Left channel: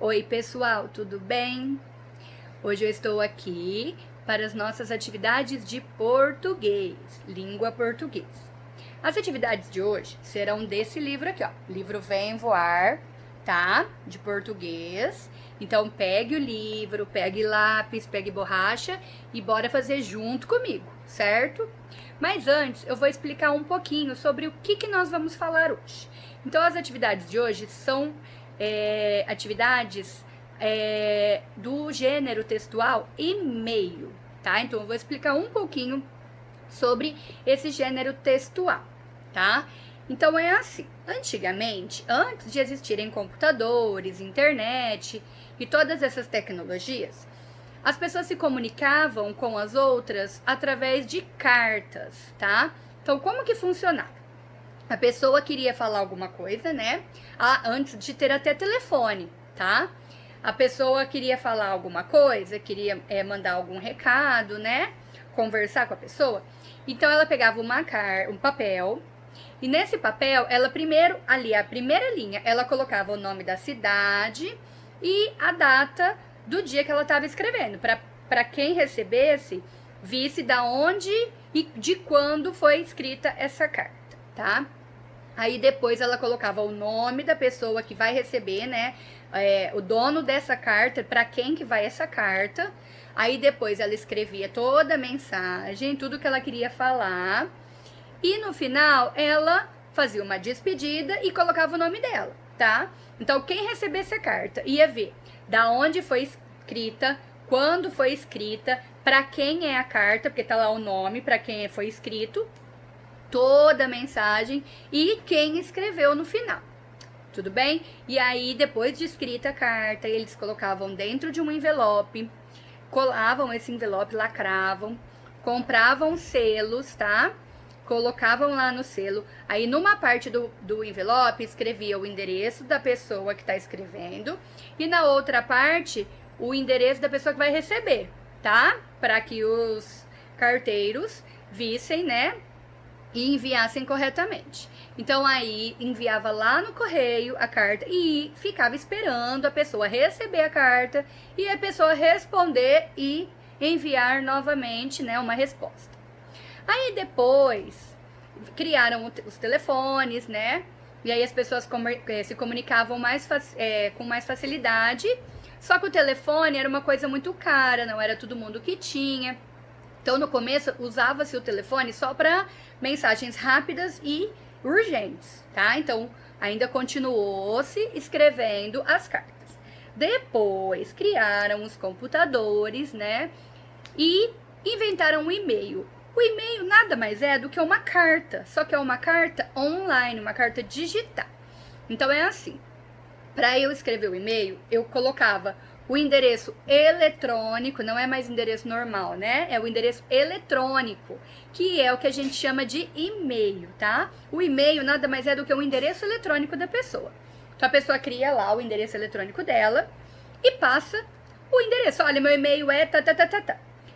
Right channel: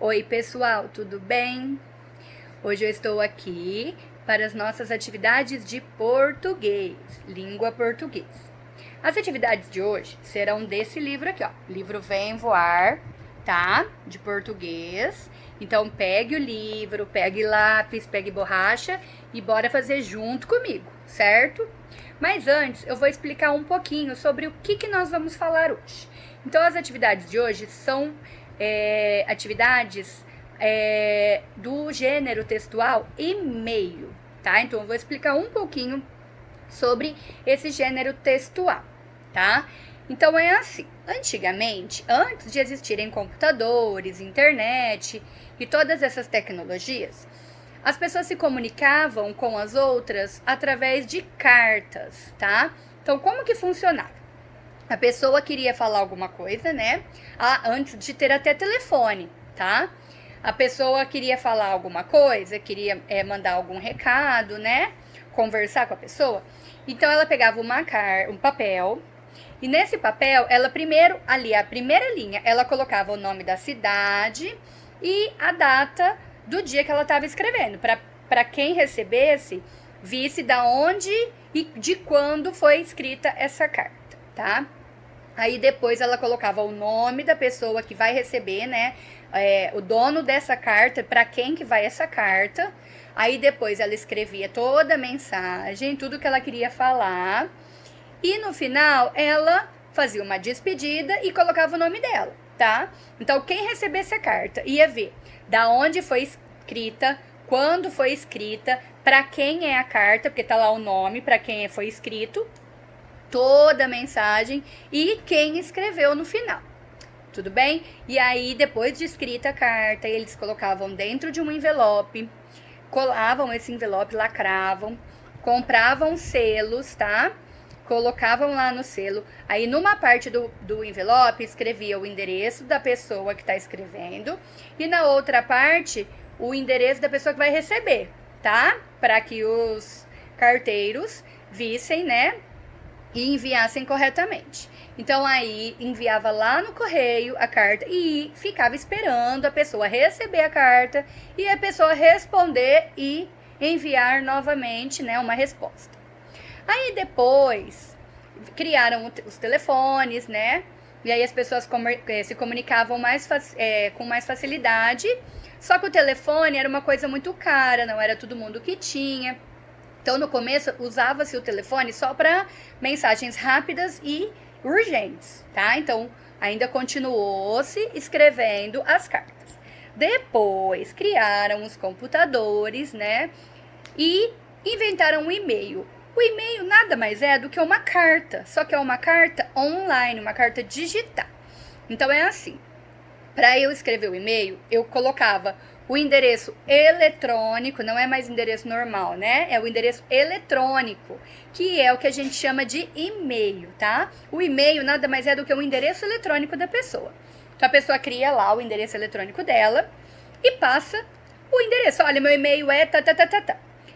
Oi pessoal, tudo bem? Hoje eu estou aqui para as nossas atividades de português, língua português. As atividades de hoje serão desse livro aqui, ó, livro Vem Voar, tá? De português. Então pegue o livro, pegue lápis, pegue borracha e bora fazer junto comigo, certo? Mas antes eu vou explicar um pouquinho sobre o que nós vamos falar hoje. Então as atividades de hoje são atividades do gênero textual e-mail, tá? Então eu vou explicar um pouquinho sobre esse gênero textual, tá? Então é assim, antigamente, antes de existirem computadores, internet e todas essas tecnologias, as pessoas se comunicavam com as outras através de cartas, tá? Então como que funcionava? A pessoa queria falar alguma coisa, né? Antes de ter até telefone, tá? A pessoa queria falar alguma coisa, queria mandar algum recado, né? Conversar com a pessoa. Então, ela pegava um papel. E nesse papel, ela primeiro, ali, a primeira linha, ela colocava o nome da cidade e a data do dia que ela estava escrevendo. Para quem recebesse, visse da onde e de quando foi escrita essa carta, tá? Aí depois ela colocava o nome da pessoa que vai receber, né? O dono dessa carta, para quem que vai essa carta. Aí depois ela escrevia toda a mensagem, tudo que ela queria falar. E no final ela fazia uma despedida e colocava o nome dela, tá? Então quem recebesse a carta ia ver da onde foi escrita, quando foi escrita, para quem é a carta, porque tá lá o nome, para quem foi escrito, toda a mensagem e quem escreveu no final, tudo bem? E aí, depois de escrita a carta, eles colocavam dentro de um envelope, colavam esse envelope, lacravam, compravam selos, tá? Colocavam lá no selo, aí numa parte do envelope escrevia o endereço da pessoa que tá escrevendo e na outra parte o endereço da pessoa que vai receber, tá? Para que os carteiros vissem, né? E enviassem corretamente. Então aí enviava lá no correio a carta e ficava esperando a pessoa receber a carta e a pessoa responder e enviar novamente, né, uma resposta. Aí depois criaram os telefones, né? E aí as pessoas se comunicavam com mais facilidade. Só que o telefone era uma coisa muito cara, não era todo mundo que tinha. Então, no começo, usava-se o telefone só para mensagens rápidas e urgentes, tá? Então, ainda continuou-se escrevendo as cartas. Depois, criaram os computadores, né? E inventaram o e-mail. O e-mail nada mais é do que uma carta, só que é uma carta online, uma carta digital. Então, é assim. Para eu escrever o e-mail, eu colocava o endereço eletrônico, não é mais endereço normal, né? É o endereço eletrônico, que é o que a gente chama de e-mail, tá? O e-mail nada mais é do que o endereço eletrônico da pessoa. Então, a pessoa cria lá o endereço eletrônico dela e passa o endereço. Olha, meu e-mail é tá.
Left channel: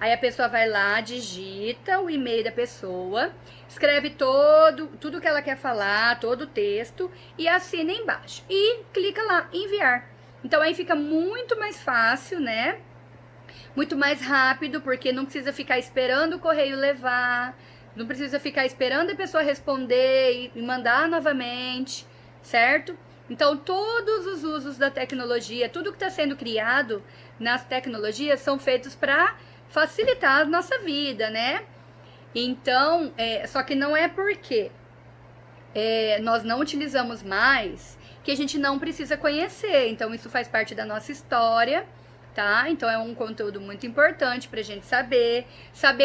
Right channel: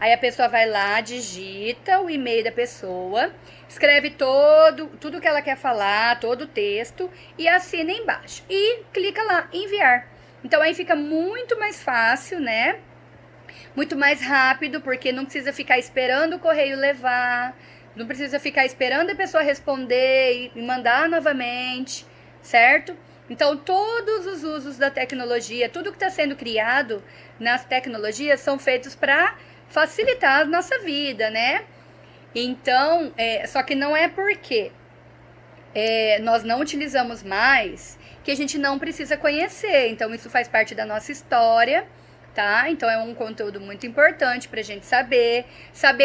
Aí a pessoa vai lá, digita o e-mail da pessoa, escreve tudo que ela quer falar, todo o texto e assina embaixo. E clica lá, enviar. Então aí fica muito mais fácil, né? Muito mais rápido, porque não precisa ficar esperando o correio levar, não precisa ficar esperando a pessoa responder e mandar novamente, certo? Então todos os usos da tecnologia, tudo que está sendo criado nas tecnologias são feitos para facilitar a nossa vida, né? Então, só que não é porque nós não utilizamos mais que a gente não precisa conhecer. Então, isso faz parte da nossa história, tá? Então, é um conteúdo muito importante pra gente saber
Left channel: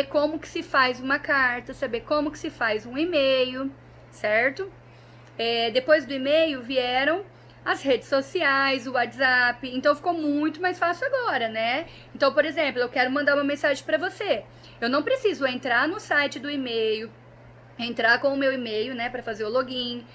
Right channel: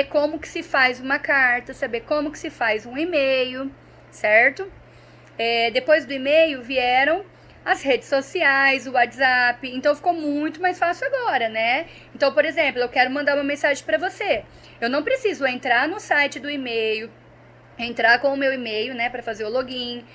como que se faz uma carta, saber como que se faz um e-mail, certo? Depois do e-mail vieram as redes sociais, o WhatsApp, então ficou muito mais fácil agora, né? Então, por exemplo, eu quero mandar uma mensagem para você. Eu não preciso entrar no site do e-mail, entrar com o meu e-mail, né, para fazer o login,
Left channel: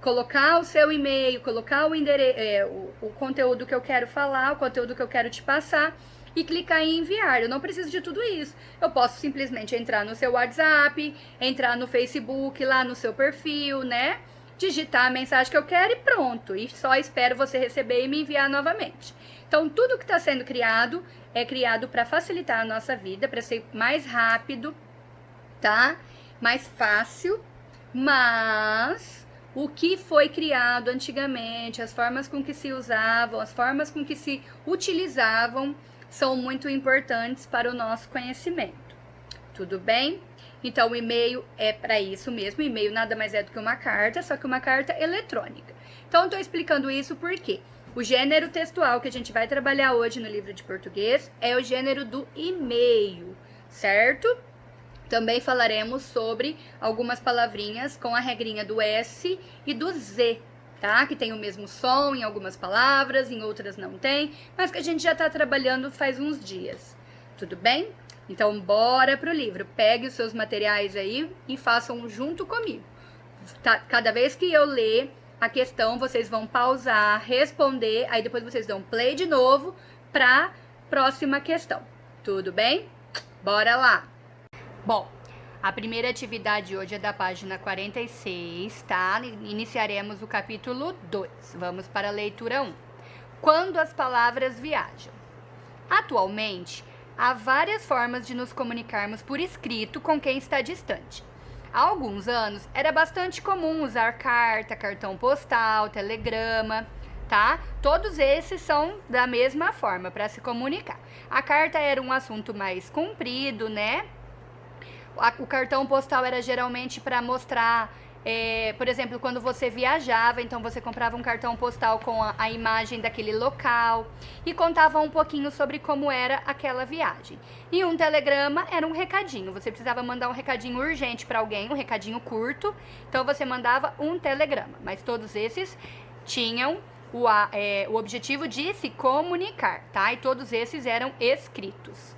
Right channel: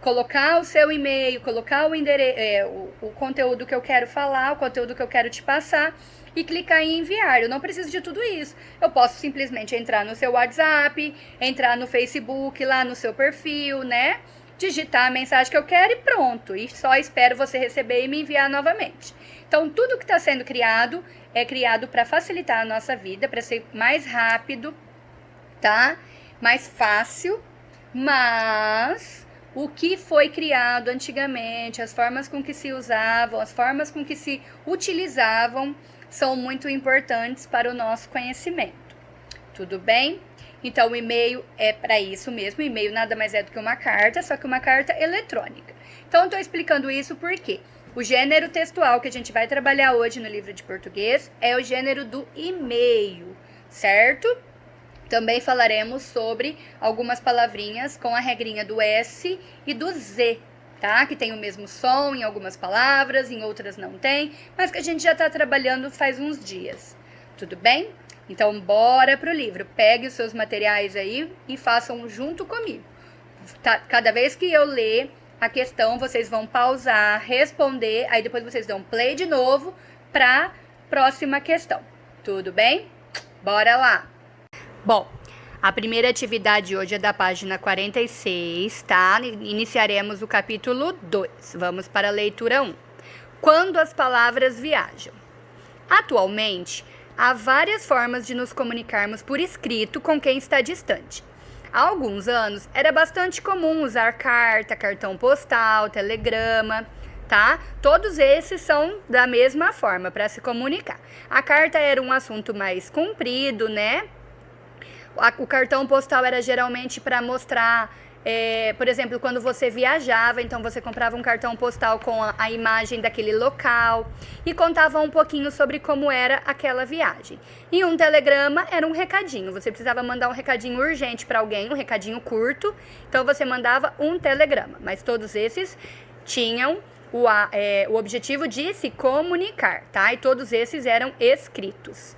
colocar o seu e-mail, colocar o endereço, o conteúdo que eu quero falar, o conteúdo que eu quero te passar e clicar em enviar. Eu não preciso de tudo isso. Eu posso simplesmente entrar no seu WhatsApp, entrar no Facebook, lá no seu perfil, né? Digitar a mensagem que eu quero e pronto. E só espero você receber e me enviar novamente. Então, tudo que está sendo criado é criado para facilitar a nossa vida, para ser mais rápido, tá? Mais fácil, mas o que foi criado antigamente, as formas com que se usavam, as formas com que se utilizavam, são muito importantes para o nosso conhecimento. Tudo bem? Então, o e-mail é para isso mesmo. O e-mail nada mais é do que uma carta, só que uma carta eletrônica. Então, estou explicando isso porque o gênero textual que a gente vai trabalhar hoje no livro de português é o gênero do e-mail, certo? Também falaremos sobre algumas palavrinhas com a regrinha do S e do Z, tá? Que tem o mesmo som em algumas palavras, em outras não tem, mas que a gente já está trabalhando faz uns dias. Tudo bem? Então, bora pro livro. Pegue os seus materiais aí e façam junto comigo. Tá? Cada vez que eu ler a questão, vocês vão pausar, responder, aí depois vocês dão play de novo para próxima questão. Tudo bem? Bora lá! Bom, a primeira atividade hoje é da página 46, tá? Iniciaremos o capítulo 2. Vamos para a leitura 1. Quando as palavras viajam. Atualmente, há várias formas de nos comunicarmos por escrito com quem está distante. Há alguns anos, era bastante comum usar carta, cartão postal, telegrama, tá? Todos esses são da mesma forma para se comunicar. A carta era um assunto mais comprido, né? O cartão postal era geralmente para mostrar, por exemplo, quando você viajava, então você comprava um cartão postal com a imagem daquele local e contava um pouquinho sobre como era aquela viagem. E um telegrama era um recadinho, você precisava mandar um recadinho urgente para alguém, um recadinho curto, então você mandava um telegrama, mas todos esses tinham o objetivo de se comunicar, tá? E todos esses eram escritos.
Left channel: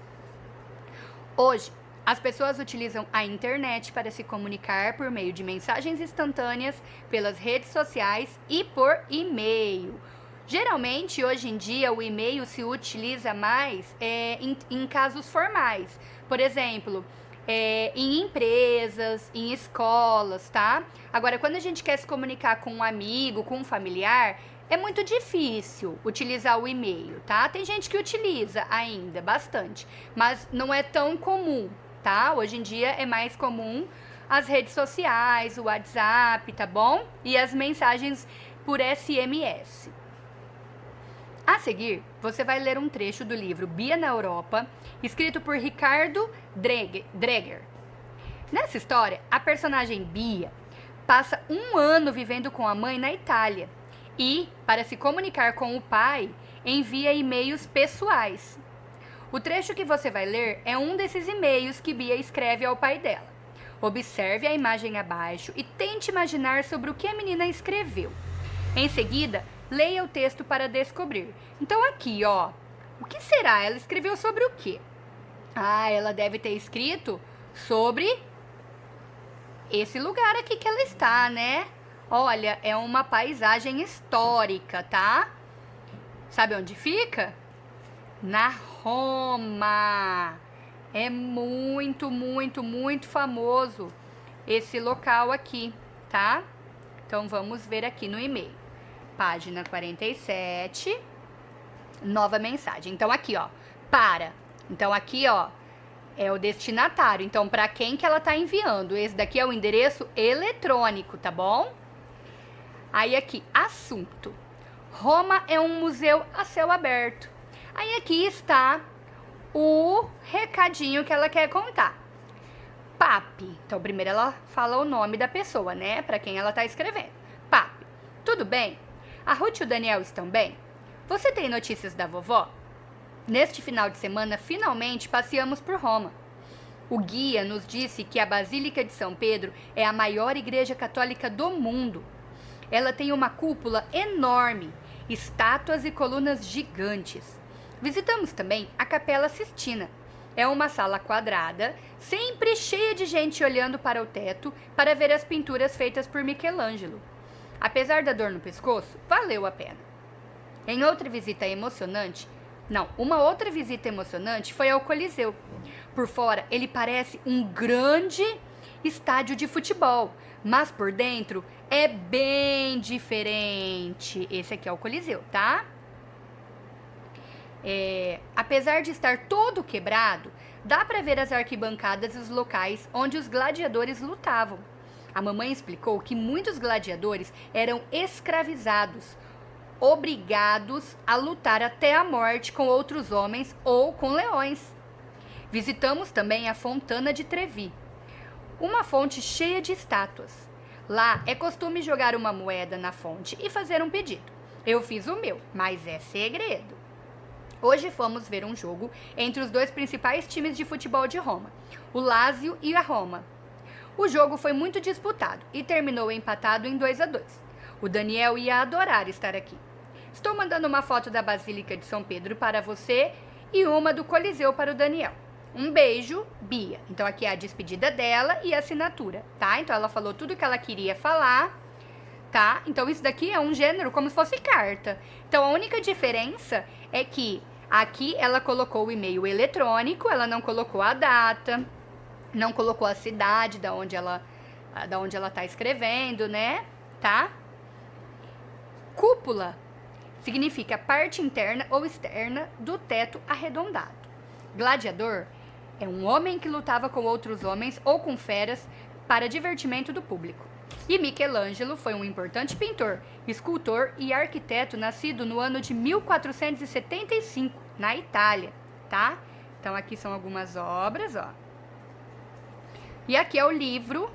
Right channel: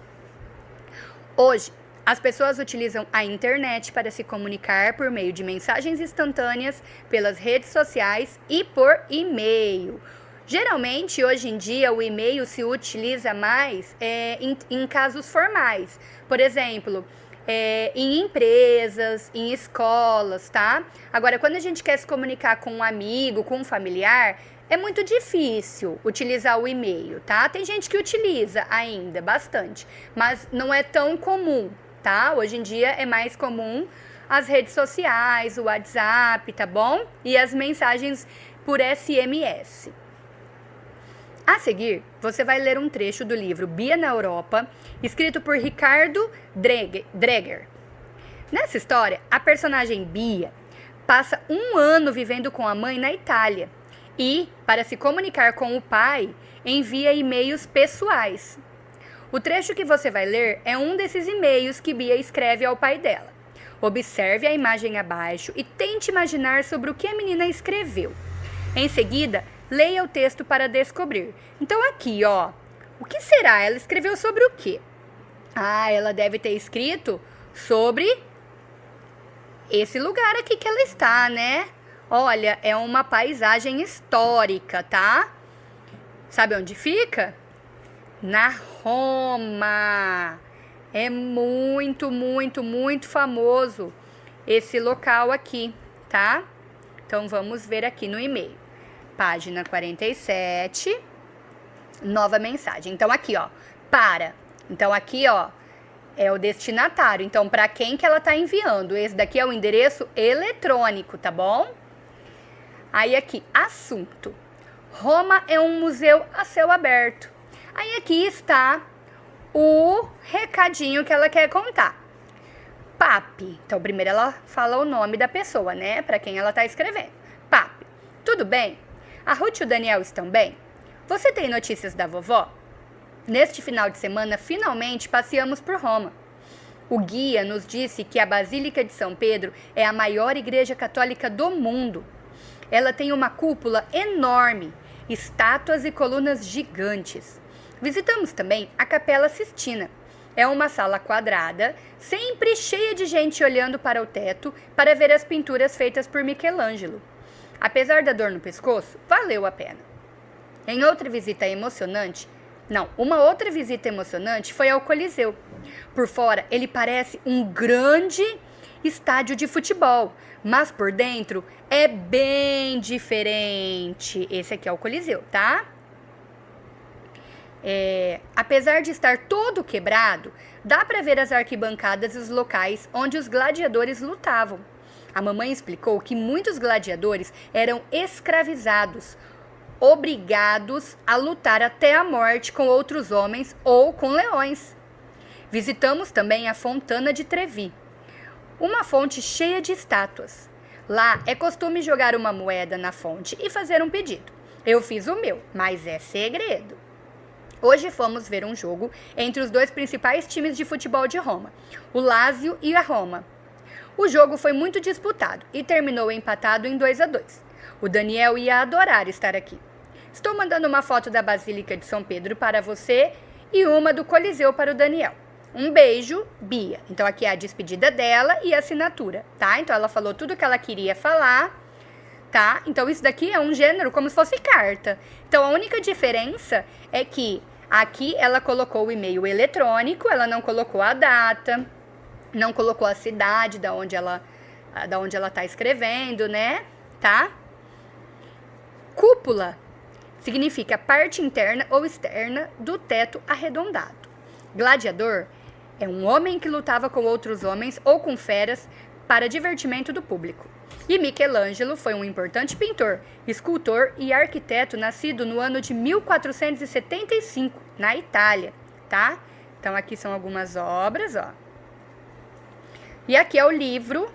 Hoje, as pessoas utilizam a internet para se comunicar por meio de mensagens instantâneas, pelas redes sociais e por e-mail. Geralmente, hoje em dia, o e-mail se utiliza mais em casos formais. Por exemplo, em empresas, em escolas, tá? Agora, quando a gente quer se comunicar com um amigo, com um familiar, é muito difícil utilizar o e-mail, tá? Tem gente que utiliza ainda bastante, mas não é tão comum, tá? Hoje em dia é mais comum as redes sociais, o WhatsApp, tá bom? E as mensagens por SMS. A seguir, você vai ler um trecho do livro Bia na Europa, escrito por Ricardo Dreger. Nessa história, a personagem Bia passa um ano vivendo com a mãe na Itália e, para se comunicar com o pai, envia e-mails pessoais. O trecho que você vai ler é um desses e-mails que Bia escreve ao pai dela. Observe a imagem abaixo e tente imaginar sobre o que a menina escreveu. Em seguida, leia o texto para descobrir. Então aqui, ó, o que será? Ela escreveu sobre o quê? Ah, ela deve ter escrito sobre esse lugar aqui que ela está, né? Olha, é uma paisagem histórica, tá? Sabe onde fica? Na Roma. É muito, muito, muito famoso esse local aqui, tá? Então, vamos ver aqui no e-mail. Página 47, nova mensagem. Então, aqui, ó, para. Então, aqui, ó, é o destinatário. Então, para quem que ela tá enviando? Esse daqui é o endereço eletrônico, tá bom? Aí, aqui, assunto. Roma é um museu a céu aberto. Aí, aqui está o recadinho que ela quer contar. Papi. Então, primeiro ela fala o nome da pessoa, né? Para quem ela tá escrevendo. Papi. Tudo bem? A Ruth e o Daniel estão bem? Você tem notícias da vovó? Neste final de semana, finalmente passeamos por Roma. O guia nos disse que a Basílica de São Pedro é a maior igreja católica do mundo. Ela tem uma cúpula enorme, estátuas e colunas gigantes. Visitamos também a Capela Sistina. É uma sala quadrada, sempre cheia de gente olhando para o teto para ver as pinturas feitas por Michelangelo. Apesar da dor no pescoço, valeu a pena. Em outra visita emocionante, Não, uma outra visita emocionante foi ao Coliseu. Por fora, ele parece um grande estádio de futebol, mas por dentro é bem diferente. Esse aqui é o Coliseu, tá? Apesar de estar todo quebrado, dá para ver as arquibancadas e os locais onde os gladiadores lutavam. A mamãe explicou que muitos gladiadores eram escravizados, obrigados a lutar até a morte com outros homens ou com leões. Visitamos também a Fontana de Trevi, uma fonte cheia de estátuas. Lá é costume jogar uma moeda na fonte e fazer um pedido. Eu fiz o meu, mas é segredo. Hoje fomos ver um jogo entre os dois principais times de futebol de Roma, o Lazio e a Roma. O jogo foi muito disputado e terminou empatado em 2-2. O Daniel ia adorar estar aqui. Estou mandando uma foto da Basílica de São Pedro para você e uma do Coliseu para o Daniel. Um beijo, Bia. Então aqui é a despedida dela e a assinatura, tá? Então ela falou tudo que ela queria falar, tá? Então isso daqui é um gênero como se fosse carta. Então a única diferença é que aqui ela colocou o e-mail eletrônico, ela não colocou a data, não colocou a cidade da onde ela tá escrevendo, né? Tá? Cúpula significa parte interna ou externa do teto arredondado. Gladiador é um homem que lutava com outros homens ou com feras para divertimento do público. E Michelangelo foi um importante pintor, escultor e arquiteto nascido no ano de 1475, na Itália, tá? Então aqui são algumas obras, ó. E aqui é o livro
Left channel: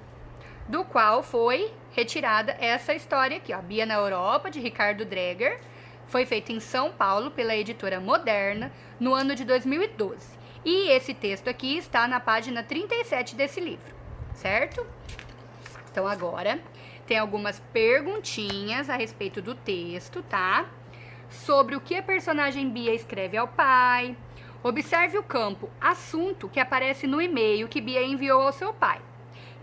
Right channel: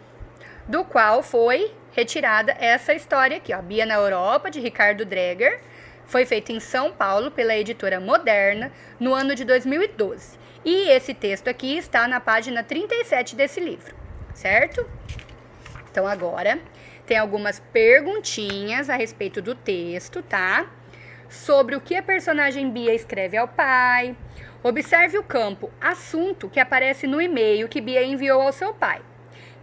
do qual foi retirada essa história aqui, ó. Bia na Europa, de Ricardo Dreger. Foi feito em São Paulo pela editora Moderna no ano de 2012. E esse texto aqui está na página 37 desse livro, certo? Então agora tem algumas perguntinhas a respeito do texto, tá? Sobre o que a personagem Bia escreve ao pai. Observe o campo assunto que aparece no e-mail que Bia enviou ao seu pai.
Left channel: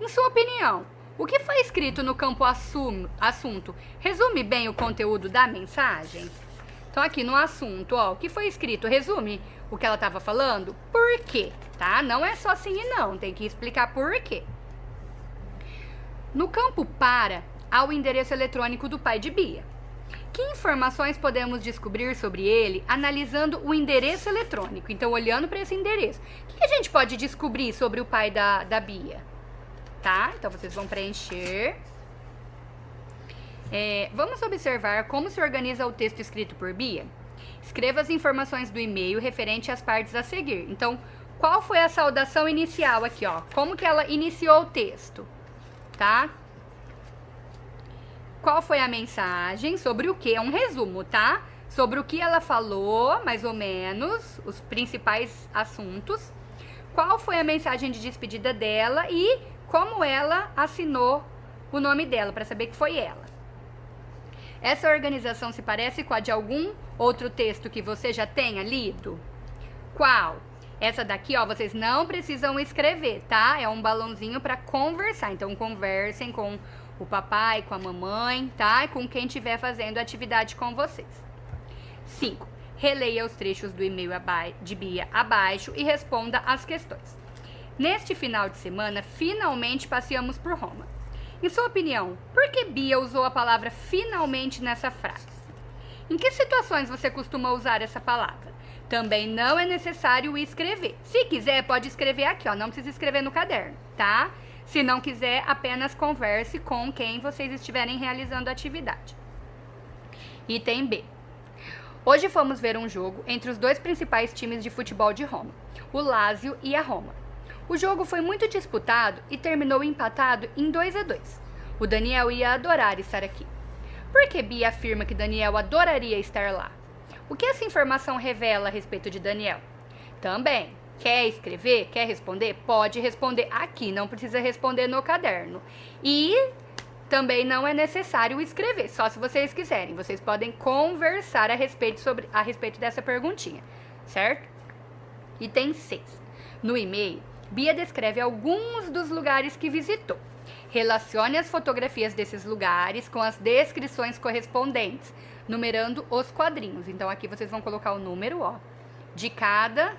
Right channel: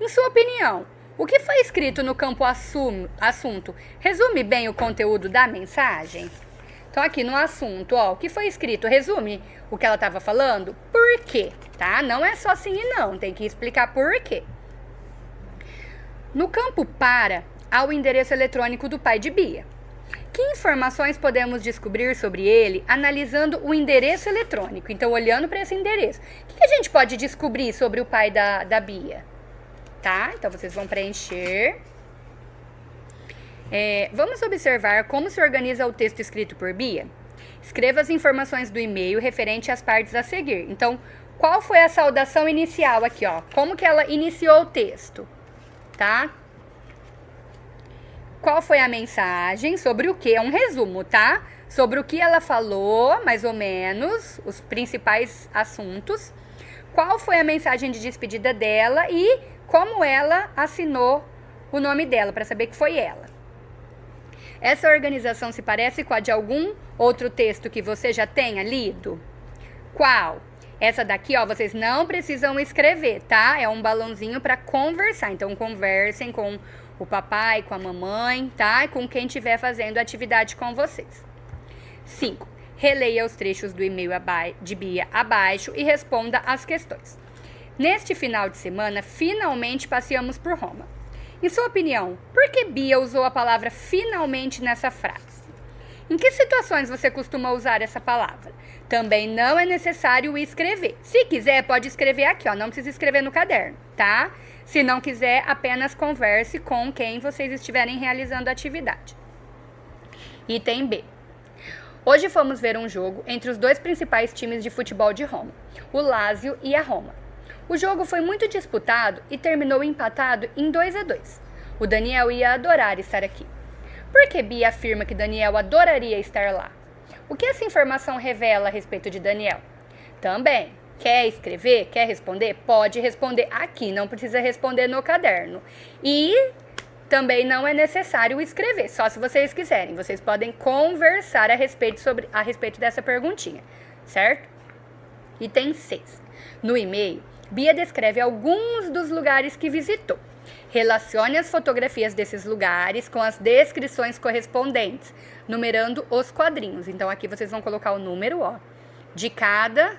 Em sua opinião, o que foi escrito no campo assunto resume bem o conteúdo da mensagem? Então, aqui no assunto, ó, o que foi escrito resume o que ela estava falando? Por quê? Tá? Não é só sim e não, tem que explicar por quê. No campo para, há o endereço eletrônico do pai de Bia. Que informações podemos descobrir sobre ele analisando o endereço eletrônico? Então, olhando para esse endereço. O que a gente pode descobrir sobre o pai da Bia? Tá? Então, vocês vão preencher. Vamos observar como se organiza o texto escrito por Bia? Escreva as informações do e-mail referente às partes a seguir. Então, qual foi a saudação inicial aqui, ó? Como que ela iniciou o texto? Tá? Qual foi a mensagem? Sobre o que? É um resumo, tá? Sobre o que ela falou, mais ou menos, os principais assuntos. Qual foi a mensagem de despedida dela e como ela assinou o nome dela, para saber que foi ela. Essa organização se parece com a de algum outro texto que você já tenha lido? Qual? Essa daqui, ó, vocês não precisam escrever, tá? É um balãozinho para conversar. Então, conversem com o papai, com a mamãe, tá? E com quem estiver fazendo atividade com vocês. 5. Releia os trechos do e-mail de Bia abaixo e responda as questões. Neste final de semana, finalmente passeamos por Roma. Em sua opinião, por que Bia usou a palavra finalmente nessa frase? Em que situações você costuma usar essa palavra? Também não é necessário escrever. Se quiser, pode escrever aqui, ó. Não precisa escrever no caderno, tá? Se não quiser, apenas converse com quem vocês estiverem realizando a atividade. Item B. Hoje fomos ver um jogo entre os dois principais times de futebol de Roma, o Lazio e a Roma. O jogo foi muito disputado e terminou empatado em 2-2. O Daniel ia adorar estar aqui. Por que Bia afirma que Daniel adoraria estar lá? O que essa informação revela a respeito de Daniel? Também, quer escrever, quer responder? Pode responder aqui, não precisa responder no caderno. E também não é necessário escrever, só se vocês quiserem. Vocês podem conversar a respeito dessa perguntinha, certo? Item 6. No e-mail, Bia descreve alguns dos lugares que visitou. Relacione as fotografias desses lugares com as descrições correspondentes, numerando os quadrinhos. Então, aqui vocês vão colocar o número, ó, de cada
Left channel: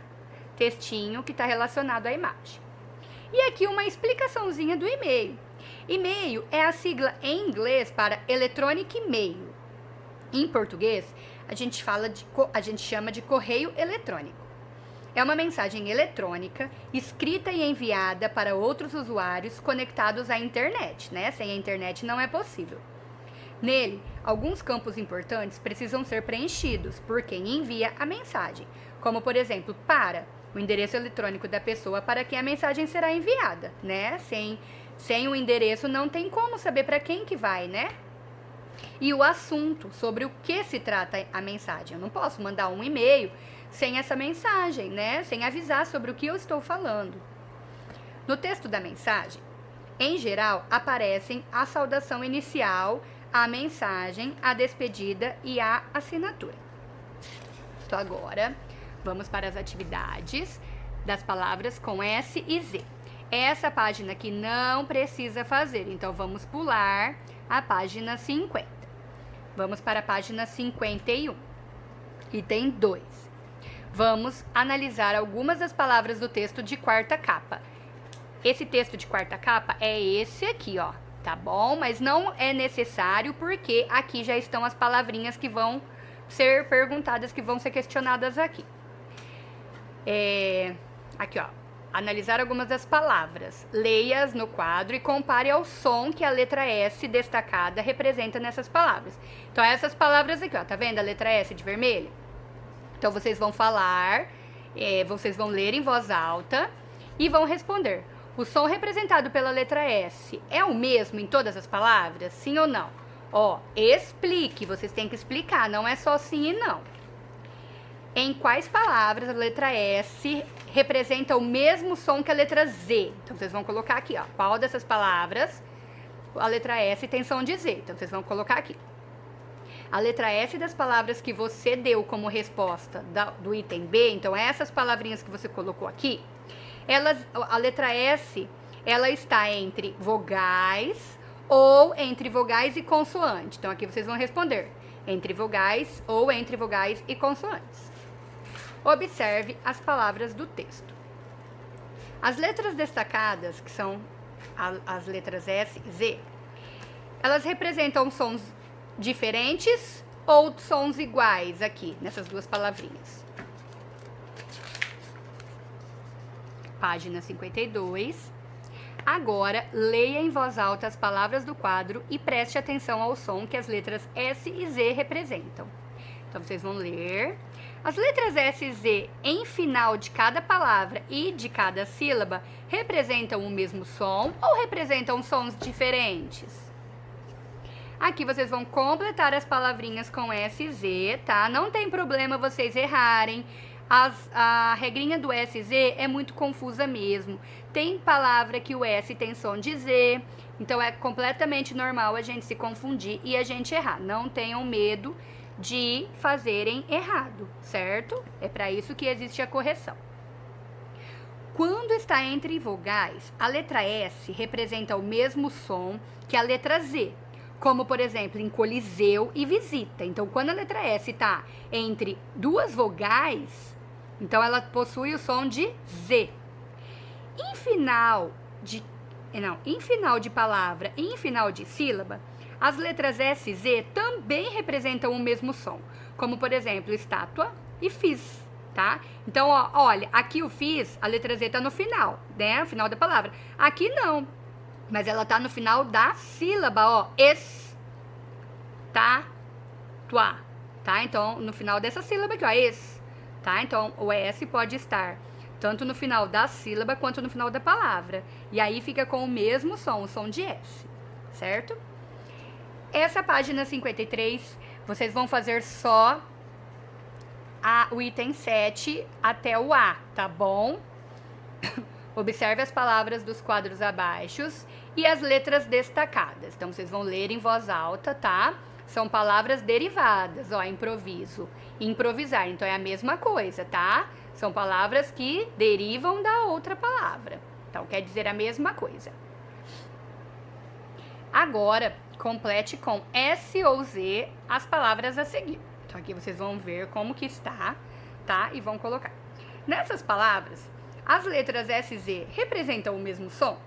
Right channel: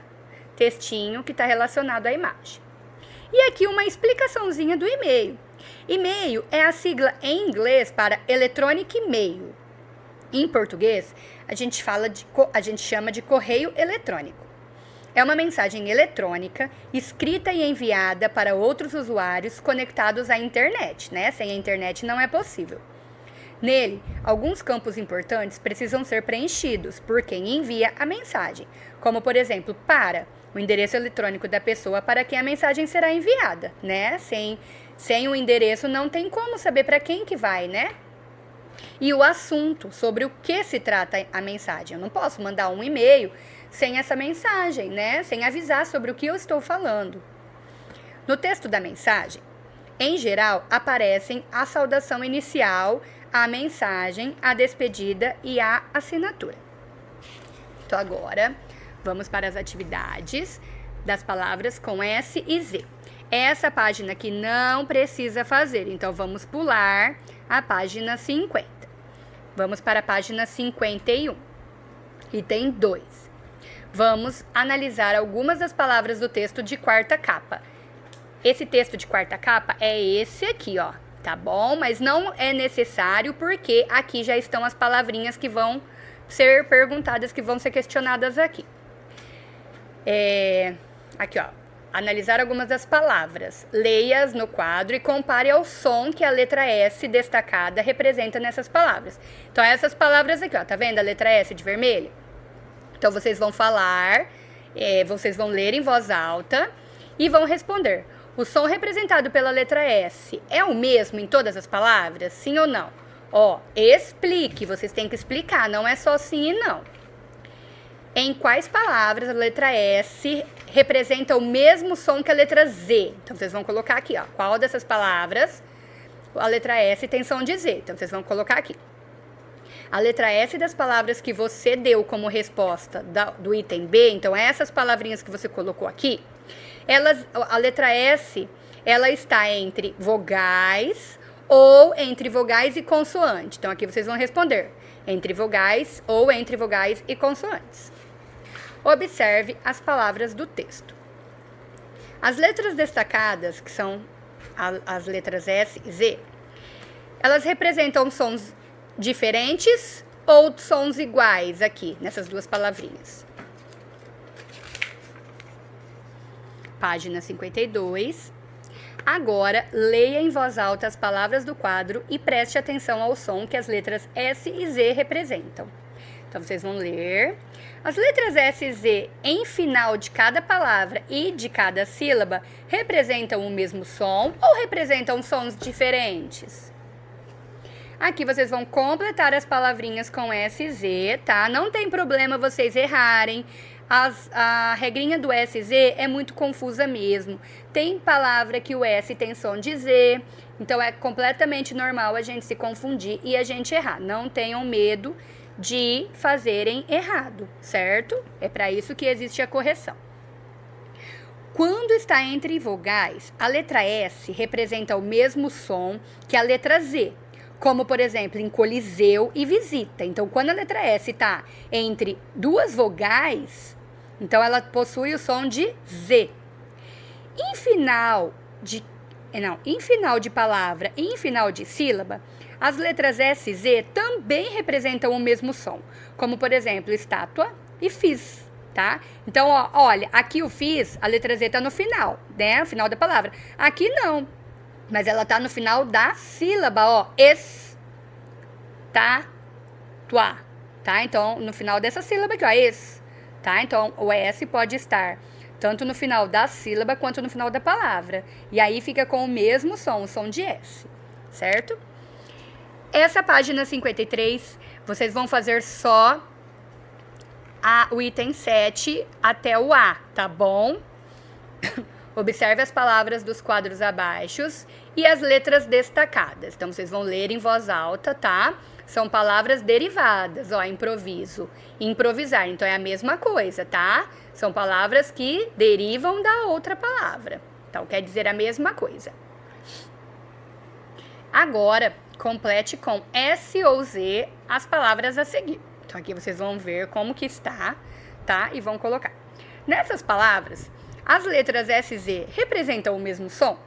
textinho que está relacionado à imagem. E aqui uma explicaçãozinha do e-mail. E-mail é a sigla em inglês para Electronic Mail. Em português, a gente chama de correio eletrônico. É uma mensagem eletrônica escrita e enviada para outros usuários conectados à internet, né? Sem a internet não é possível. Nele, alguns campos importantes precisam ser preenchidos por quem envia a mensagem, como, por exemplo, para o endereço eletrônico da pessoa para quem a mensagem será enviada, né? Sem o endereço não tem como saber para quem que vai, né? E o assunto, sobre o que se trata a mensagem. Eu não posso mandar um e-mail sem essa mensagem, né? Sem avisar sobre o que eu estou falando. No texto da mensagem, em geral, aparecem a saudação inicial, a mensagem, a despedida e a assinatura. Então, agora, vamos para as atividades das palavras com S e Z. Essa página aqui não precisa fazer, então vamos pular a página 50. Vamos para a página 51. Item 2. Vamos analisar algumas das palavras do texto de quarta capa. Esse texto de quarta capa é esse aqui, ó, tá bom? Mas não é necessário porque aqui já estão as palavrinhas que vão ser perguntadas, que vão ser questionadas aqui. Aqui, ó, analisar algumas das palavras. Leia-as no quadro e compare ao som que a letra S destacada representa nessas palavras. Então, essas palavras aqui, ó, tá vendo a letra S de vermelho? Então, vocês vão falar, vocês vão ler em voz alta e vão responder. O som representado pela letra S é o mesmo em todas as palavras? Sim ou não? Ó, explique, vocês têm que explicar, não é só sim e não. Em quais palavras a letra S representa o mesmo som que a letra Z? Então, vocês vão colocar aqui, ó. Qual dessas palavras a letra S tem som de Z? Então, vocês vão colocar aqui. A letra S das palavras que você deu como resposta do item B, então essas palavrinhas que você colocou aqui, a letra S, ela está entre vogais ou entre vogais e consoante. Então, aqui vocês vão responder entre vogais ou entre vogais e consoantes. Observe as palavras do texto. As letras destacadas, que são as letras S e Z, elas representam sons diferentes ou sons iguais aqui, nessas duas palavrinhas. Página 52. Agora, leia em voz alta as palavras do quadro e preste atenção ao som que as letras S e Z representam. Então, vocês vão ler. As letras S e Z em final de cada palavra e de cada sílaba representam o mesmo som ou representam sons diferentes? Aqui vocês vão completar as palavrinhas com S e Z, tá? Não tem problema vocês errarem. A regrinha do S e Z é muito confusa mesmo. Tem palavra que o S tem som de Z, então é completamente normal a gente se confundir e a gente errar. Não tenham medo de fazerem errado, certo? É para isso que existe a correção. Quando está entre vogais, a letra S representa o mesmo som que a letra Z, como, por exemplo, em coliseu e visita. Então, quando a letra S está entre duas vogais, então ela possui o som de Z. Em final de palavra e em final de sílaba, as letras S e Z também representam o mesmo som, como, por exemplo, estátua e fiz, tá? Então, ó, olha, aqui o fiz, a letra Z tá no final, né? No final da palavra. Aqui não, mas ela tá no final da sílaba, ó, estátua, tá? Então, no final dessa sílaba aqui, ó, tá? Então, o S pode estar tanto no final da sílaba quanto no final da palavra. E aí fica com o mesmo som, o som de S, certo? Essa página 53, vocês vão fazer só o item 7 até o A, tá bom? Observe as palavras dos quadros abaixo e as letras destacadas. Então, vocês vão ler em voz alta, tá? São palavras derivadas, ó, improviso, improvisar. Então, é a mesma coisa, tá? São palavras que derivam da outra palavra. Então, quer dizer a mesma coisa. Agora, complete com S ou Z as palavras a seguir. Então, aqui vocês vão ver como que está, tá? E vão colocar. Nessas palavras, as letras S e Z representam o mesmo som?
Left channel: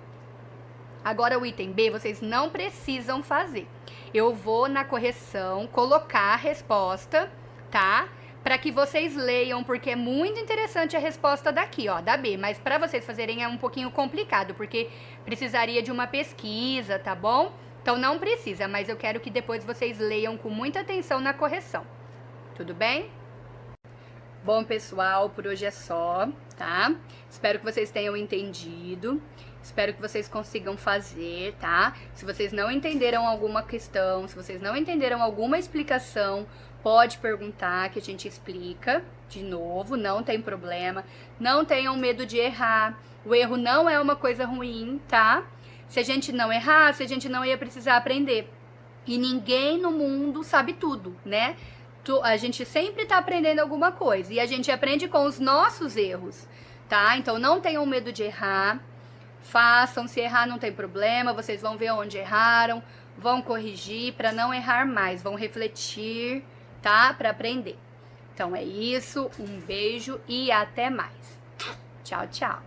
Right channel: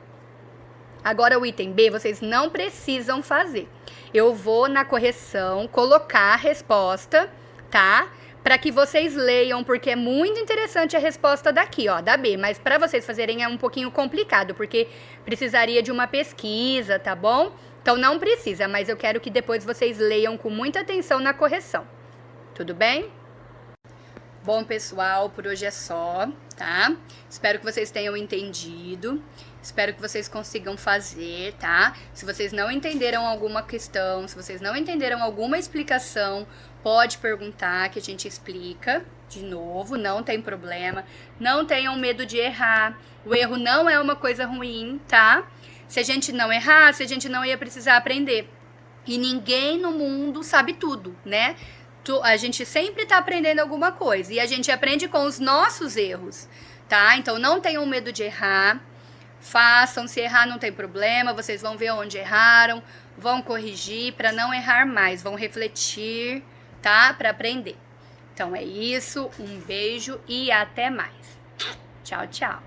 Agora o item B vocês não precisam fazer. Eu vou na correção colocar a resposta, tá? Para que vocês leiam, porque é muito interessante a resposta daqui, ó, da B. Mas para vocês fazerem é um pouquinho complicado, porque precisaria de uma pesquisa, tá bom? Então não precisa, mas eu quero que depois vocês leiam com muita atenção na correção. Tudo bem? Bom, pessoal, por hoje é só, tá? Espero que vocês tenham entendido. Espero que vocês consigam fazer, tá? Se vocês não entenderam alguma questão, se vocês não entenderam alguma explicação, pode perguntar que a gente explica de novo, não tem problema. Não tenham medo de errar. O erro não é uma coisa ruim, tá? Se a gente não errasse, a gente não ia precisar aprender. E ninguém no mundo sabe tudo, né? A gente sempre tá aprendendo alguma coisa e a gente aprende com os nossos erros, tá? Então não tenham medo de errar. Façam, se errar não tem problema, vocês vão ver onde erraram, vão corrigir para não errar mais, vão refletir, tá? Para aprender. Então é isso, um beijo e até mais. Tchau, tchau.